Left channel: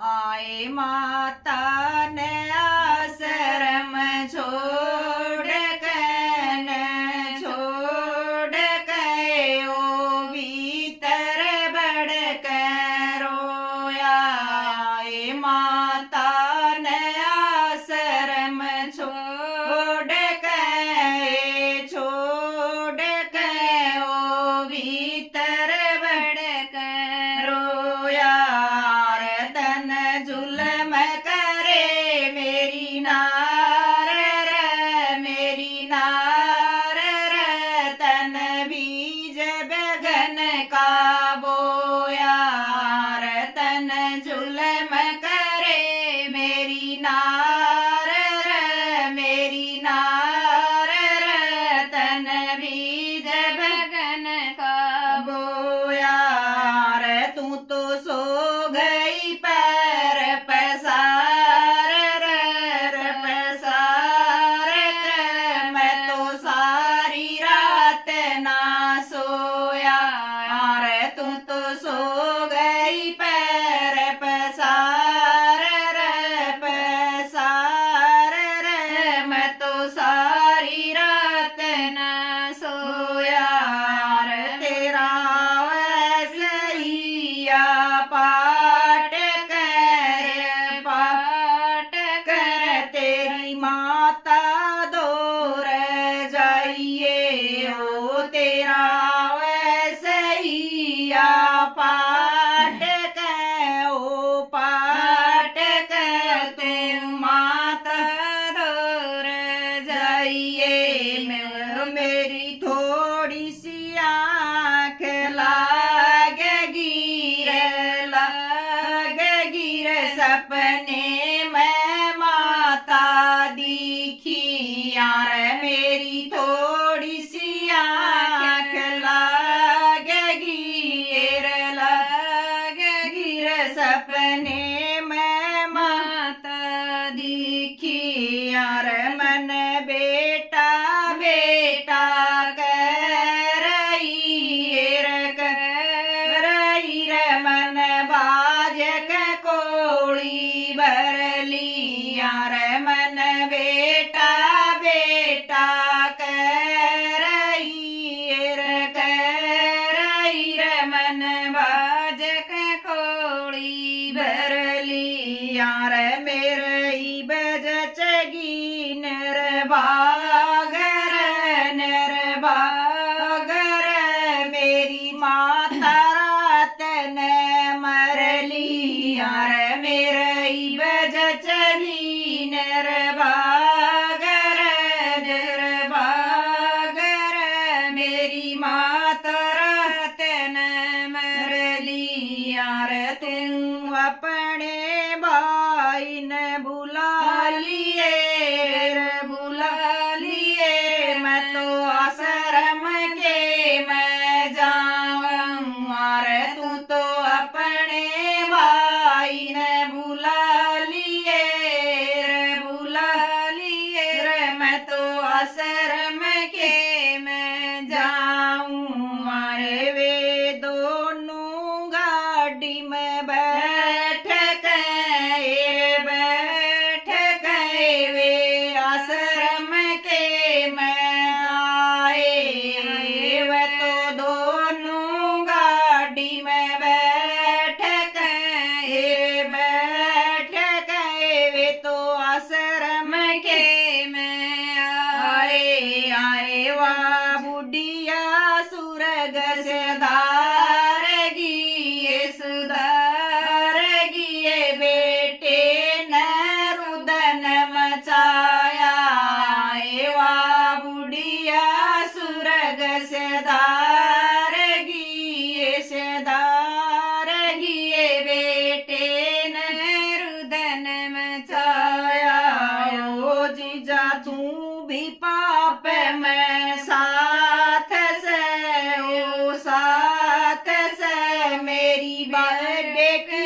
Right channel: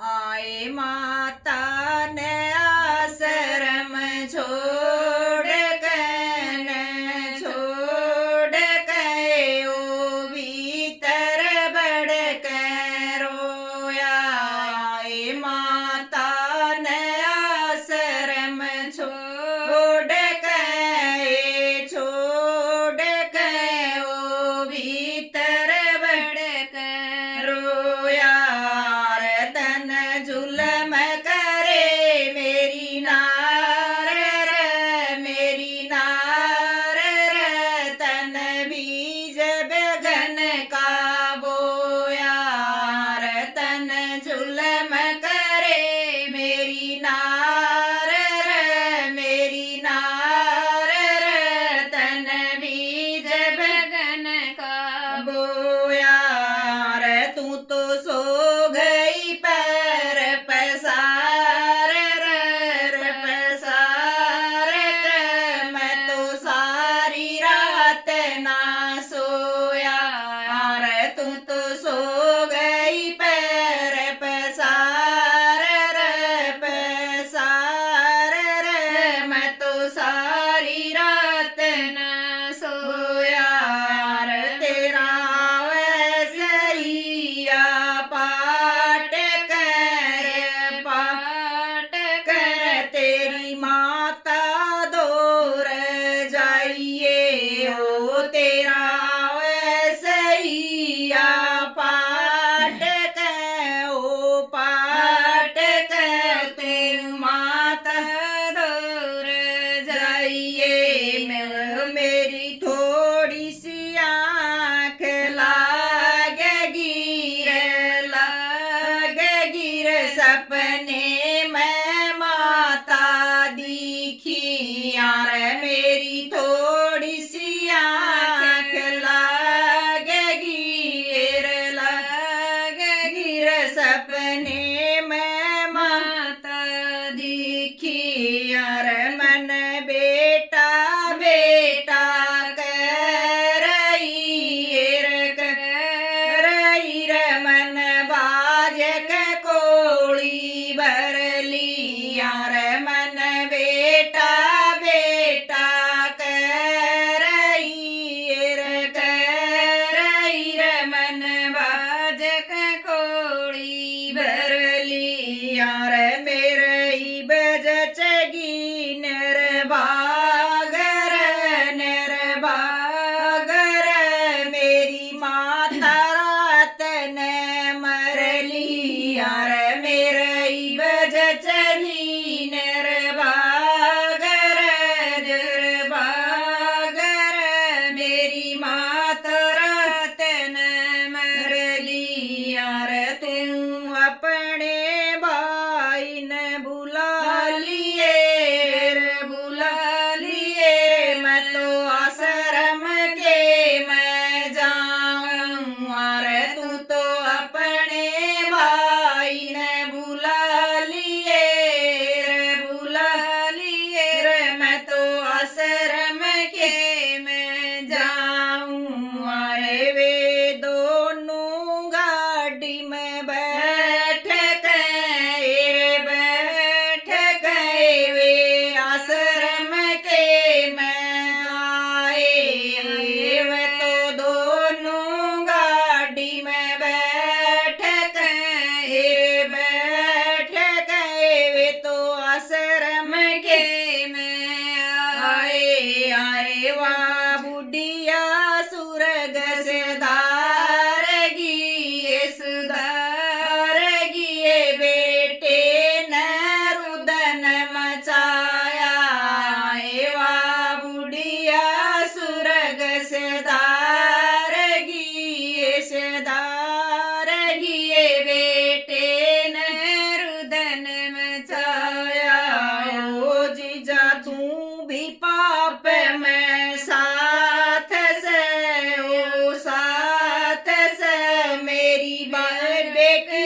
आए माता ने आश्रम छोड़ के ओ भीतर बढ़ के रोया। आए माता ने आश्रम छोड़ के ओ भीतर बढ़ के रोया। तन जुल्म करे मेरी नार तन बीज बगन का बोया। तन जुल्म करे मेरी नार तन बीज बगन का बोया। तू तो सो गई पैर पसार मैं तो सारी रात ना सोया। तू तो सो गई पैर पसार मैं तो सारी रात ना सोया। तेरा वैसैया पाट कर तेरी माता दूर जाइए हो। तेरा वैसैया पाट कर तू माता दूर जाइए। मेरी थोड़ी सी आँख गिर सपने में माता दिखी। यार मेरी थोड़ी सी आँख गिर सपने में माता दिखी। यार मन बेटा कर मन बाजक कोड़ी भर ली। यार मन बेटा कर मन बाजक कोड़ी भर ली। यार मेरे बजचगी निर्भागर मेरी माता रात ने मर ली। यार मेरे बजचली निर्भागर मेरी माता रात ने मर ली। यार तू अपने भाई ने बुला लिए मैं तो आश्रम के मैं जाऊं। तू तो अपने भाई ने बुला लिए मैं तो आश्रम के मैं जाऊं। वे दोनों गाड़ी में बैठ गए वे आश्रम के मैं आए। वे तो दोनों गाड़ी में बैठ गए वे तो आश्रम के मैं आए। वाह बुढ़िया सुरग से धार गिए बेटे न रुदन मचाया। वाह बुढ़िया सुरग से धार गिए बेटे न रुदन मचाया। ओ जीजा तू भी पाप में साथ से मेरी बेटी